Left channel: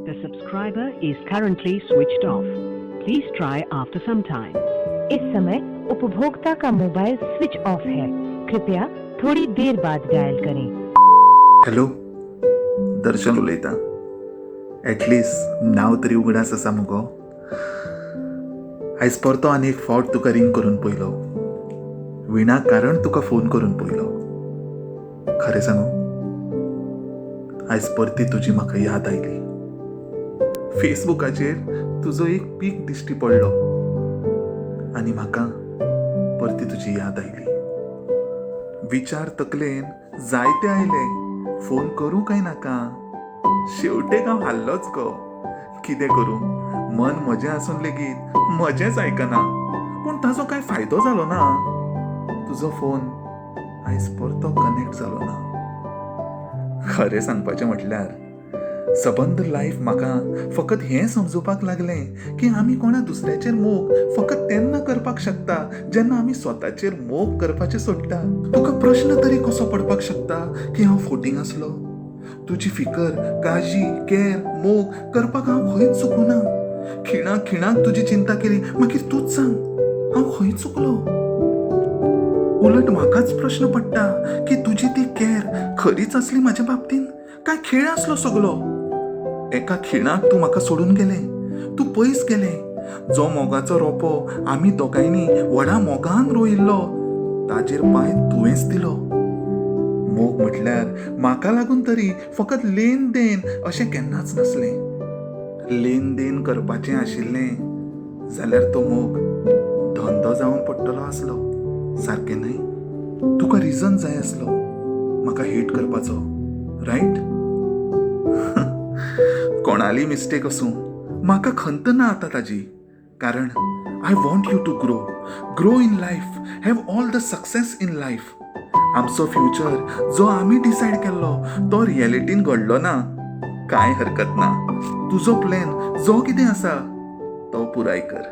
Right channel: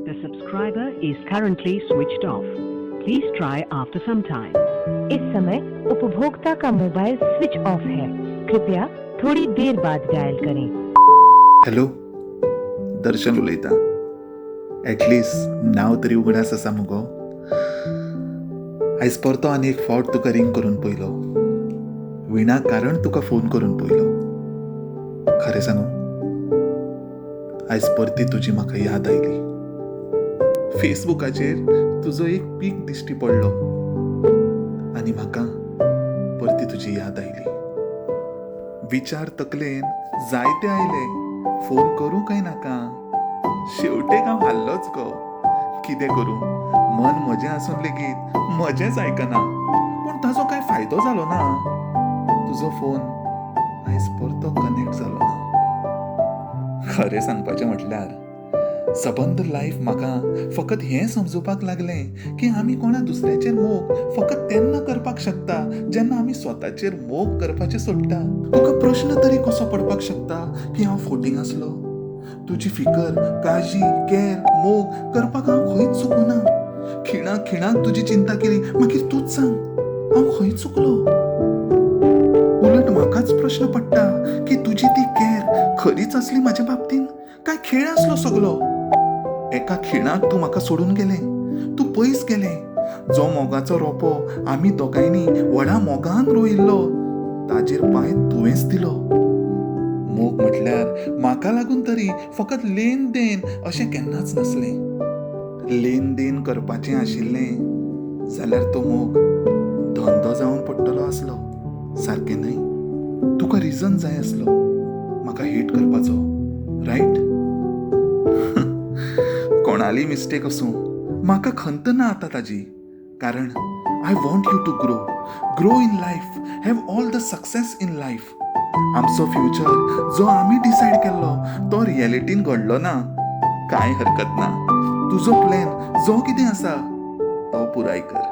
The subscriber is currently switched off. Please try after some time. इस समय उपभोक्ता का mobile switch off है. कृपया थोड़ी देर बाद डायल करें. हॅलो, दर्शन उलयता. एटलिस्ट नांव तरी उगडास आसा मुगो. आयज परतो आनी एक फावट तुका रिंग करून पयलो. विनाकारण तुका फोन करून पयलो. खरें सांगू, आयज परती तुजी म्हाका याद आयली. फेसबुकाचेर तुजो एक पीक दिश्टी पडलो आनी म्हाका परती तुजी याद आयली. विचार तकलेन जायते आयले, फोन करूं काय नाका. शेवटेक हांव हाल्लोच गो. कितें करूं, मन म्हजें आसून लेगीत म्हजेंच आयकना. पूण ताचो कांय फायदो जालो ना. तुजो फोन आयज परतो कनेक्ट जालो ना. खरें सांगपाचें म्हटल्यार सबंद लायफ म्हाका फकत हें समजुपाक लागलें की आमी कोणा दुसऱ्याचेर मोग फकत तेन्ना करपाक शकता जेन्ना आमी स्वताचेर मोग करपाचें सोडटा. तुका प्रश्न तरी कसो पडपाक शकता की हांव फोटींग आसलो. तुजी फिकर, काळजी, कॅर, मोग करपाक हांव खंयच चुकुना. खिणाक खिणाक तुजी चिंता केली. मागीर तूच सांग, हांव खंय चुकलो? उलट म्हाकाच प्रश्न पडटा की तुजी ती कॅर खरीच आसली म्हाज्या बाबतीन काय खेळ आसलो सगलो. एका खिणाक तूं म्हाका सोडून गेलें. तूं पयस गेलें. जो मोगाचो रोंपो आमी दोगांयनी व्हडा मोगान रोयिल्लो ताजेर पांय तुवेंच दिलो. मोग म्हटल्यार म्हाका लागून तरी फकत लेन देन अशें केन्नाच नासलें. लेन देन करपाचें आशिल्लें जाल्यार तो मोग धंदो जावन पडटलो आसलो. सारकें न्हय? तुका रिजन जाय आसलो म्हाका हेट करपाचो, रायट? कोणाली मिस्टेक आसूं, म्हाका खंत ना आतां ताजी. कारण I want you to grow in life, have all the success in life. आमचो फ्युचर जो आमी डिसायड केल्लो तो रियलिटीन घडलो ना. कांय हरकत ना. तुजो प्लॅन जो कितें आसा तो पुराय कर.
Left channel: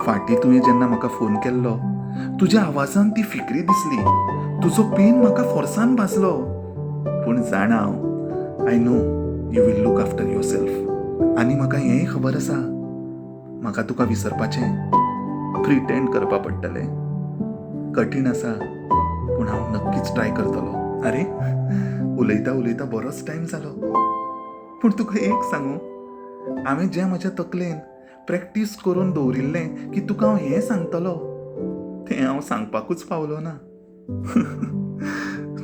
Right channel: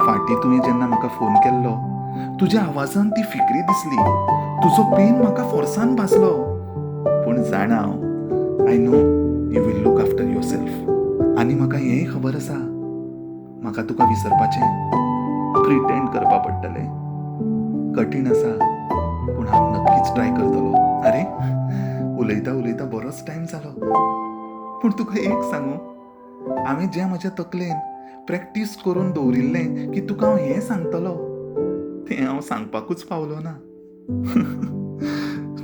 फाटीं तुवें जेन्ना म्हाका फोन केल्लो, तुज्या आवाजान ती फिक्री दिसली. तुजो पेन म्हाका फोर्सान भाजलो. पूण जाणा हांव, I know you will look after yourself. आनी म्हाका हेंय खबर आसा, म्हाका तुका विसरपाचें, प्रिटेंड करपा पडटलें. कठीण आसा, पूण हांव नक्कीच ट्राय करतलो. अरे, उलयता उलयता बरोच टायम जालो. पूण तुका एक सांगू, हांवें जें म्हज्या तकलेन प्रॅक्टीस करून दवरिल्लें की तुका हांव हें सांगतलो, तें हांव सांगपाकूच पावलो ना.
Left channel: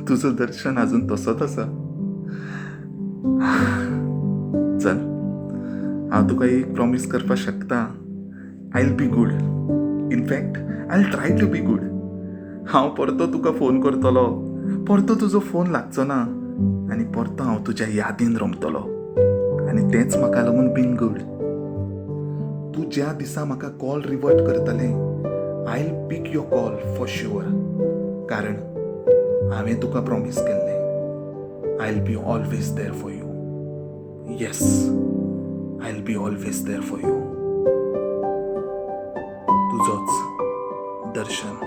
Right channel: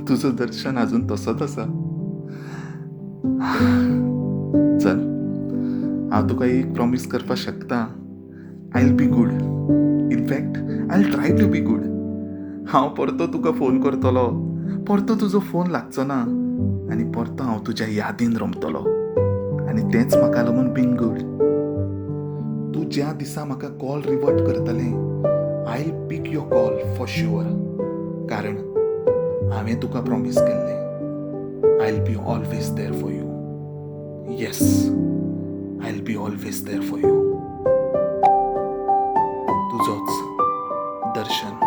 तुजो दर्शन आजून तसोच आसा. चल, हांव तुका एक प्रॉमिस करपाक शकता. I will be good. In fact I will try to be good. हांव परतो तुका फोन करतलो, परतो तुजो फोन लागचो ना आनी परतो हांव तुज्या यादीन रमतलो. आनी तेंच म्हाका लागून बीन गूड. तूं ज्या दिसा म्हाका कॉल रिवर्ट करतलें, I will pick your call for sure. कारण हांवें तुका प्रॉमिस केल्लें, I will be always there for you. Yes, I will be always there for you. तुजोच दर्शन.